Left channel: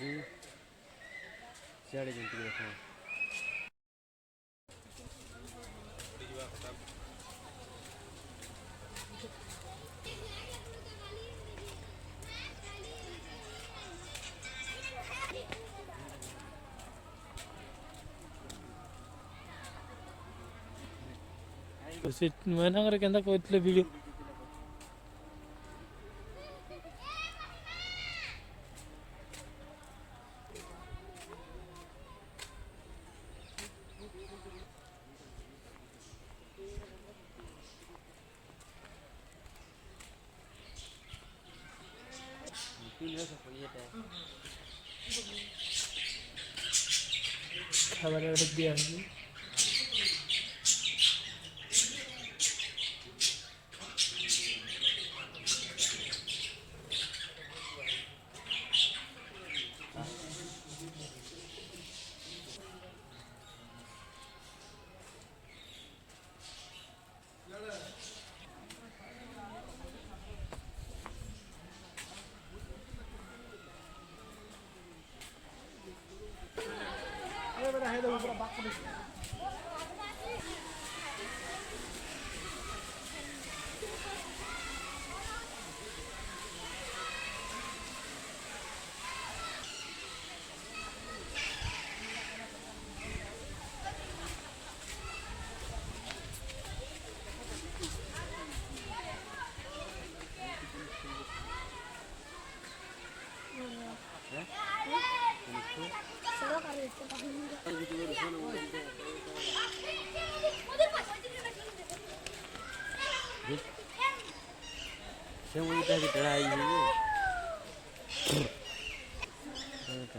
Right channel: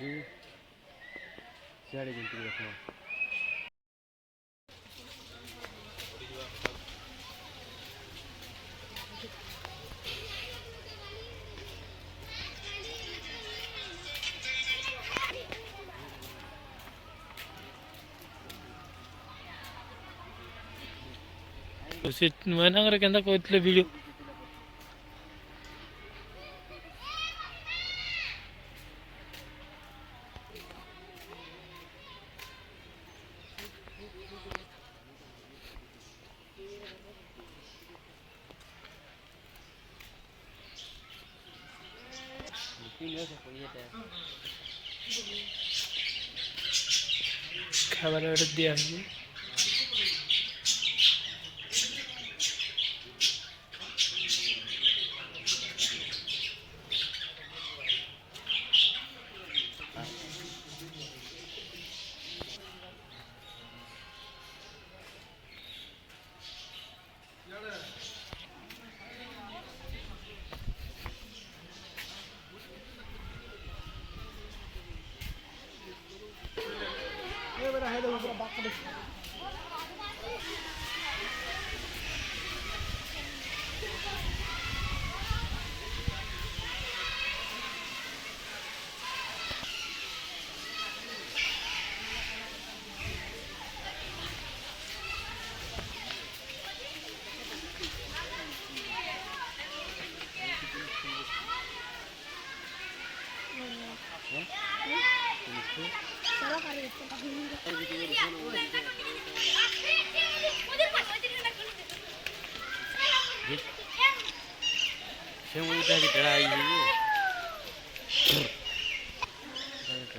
ସିଆଡ଼େ ଯେମିତି ଦେଖ ସେ ମହିନାଙ୍କର କେନ୍ତା କହିଥିଲେ ଭିଡ଼ିଓ ଖାଇବାର ଗୋଟେ ଦିଆହେଉଛି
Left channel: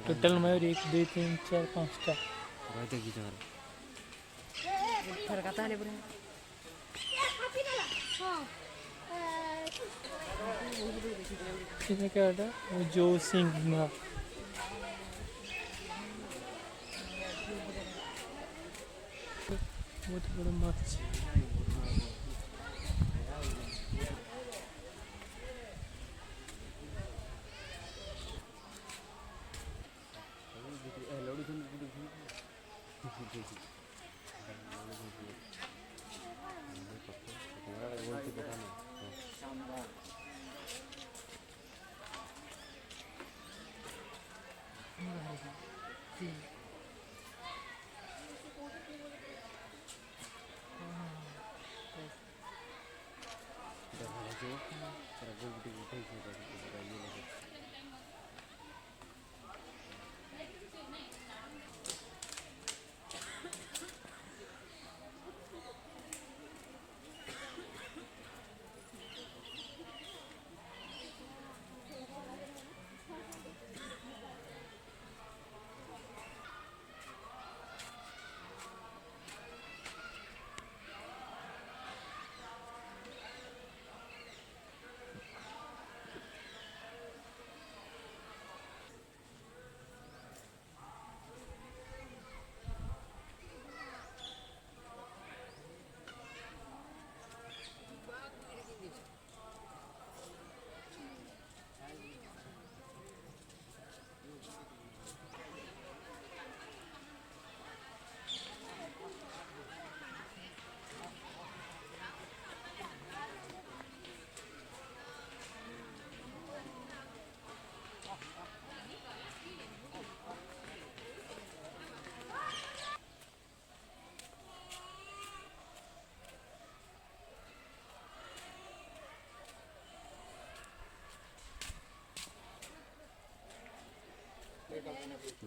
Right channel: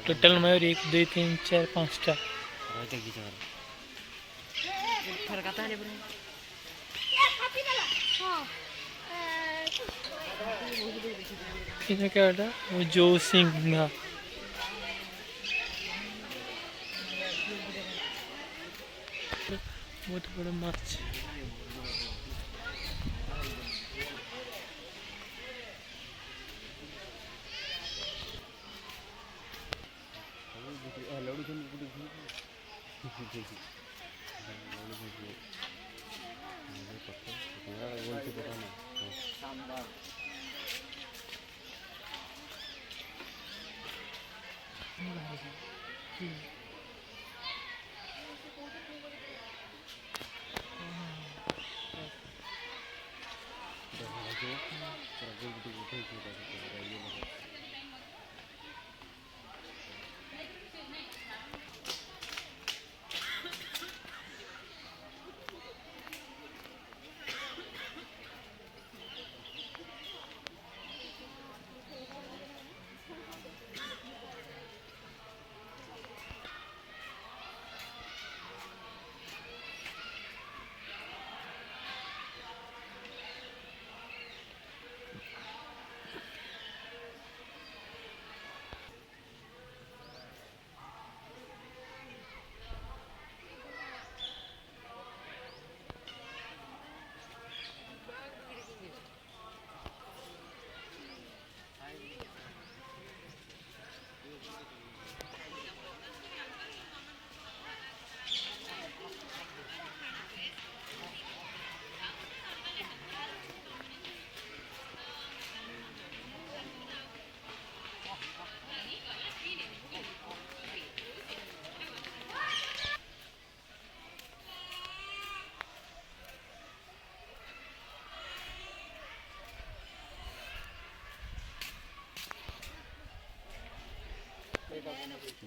टोटल में 1 2 3 4 5टा कितना क्या जो सिंह बहुत बड़ा माछ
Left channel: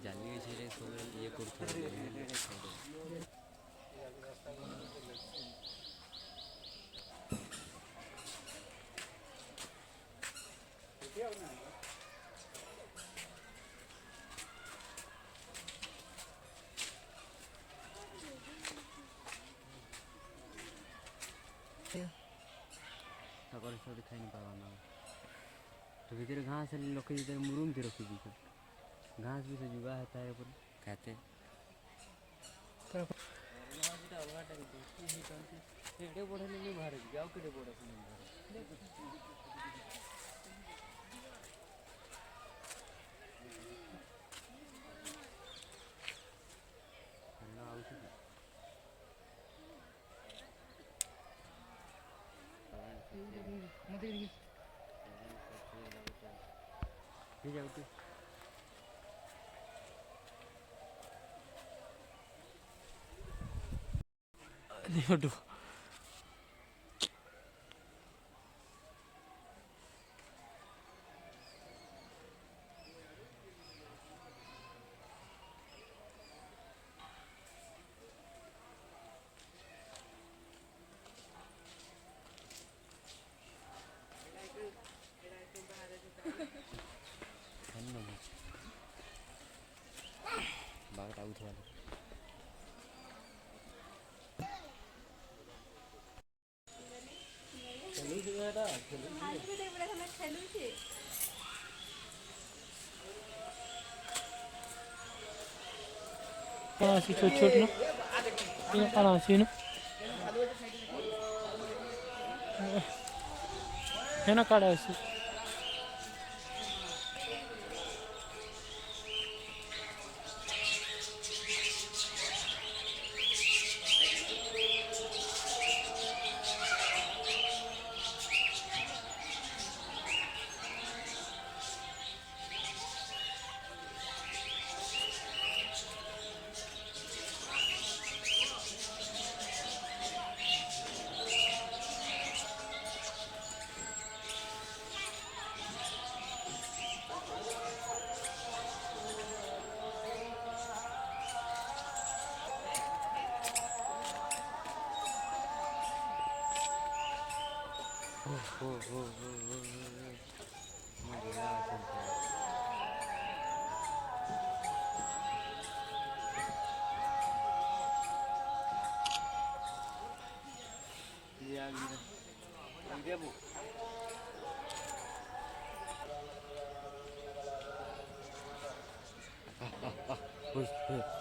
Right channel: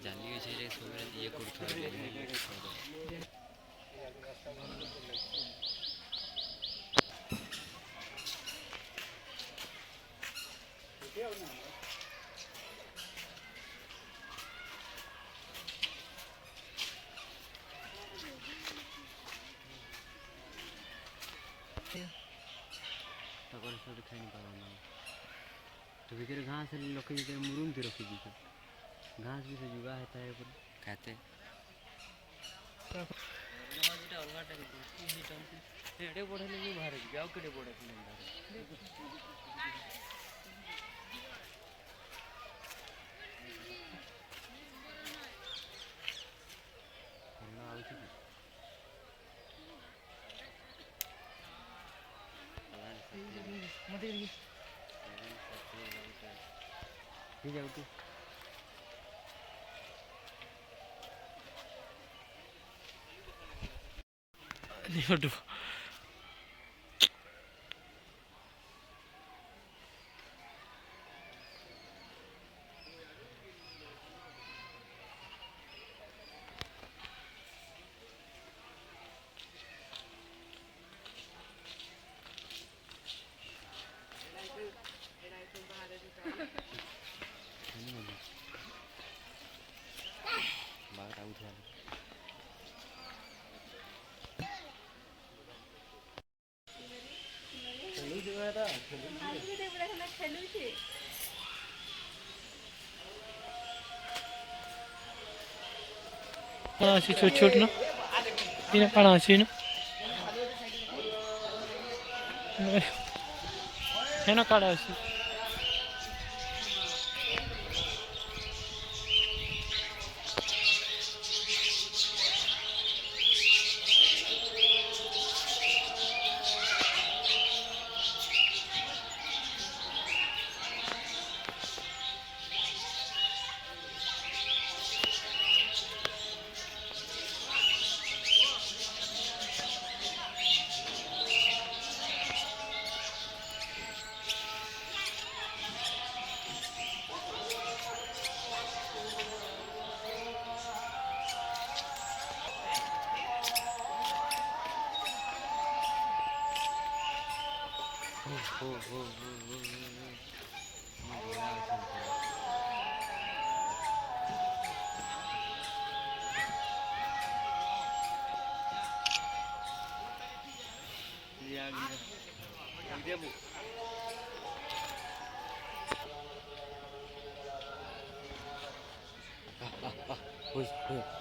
ଜାଲି ସେଇଟା ସବୁବେଳେ ଇଏ କରୁଥିଲେ खाई नहीं पावा तो फिर घास लोग मुरुम थे रखी दी घास भी से जुआ है तारे पर खाते एडे बढ़े नहीं बाहर जाओ के बढ़े ठीक आहे ते निवडू आणि नाही बाहेर आऊट झालं अशी छोट छोट ना तिने काढा अशी ना हे ना काढा अशी हो हो हो हो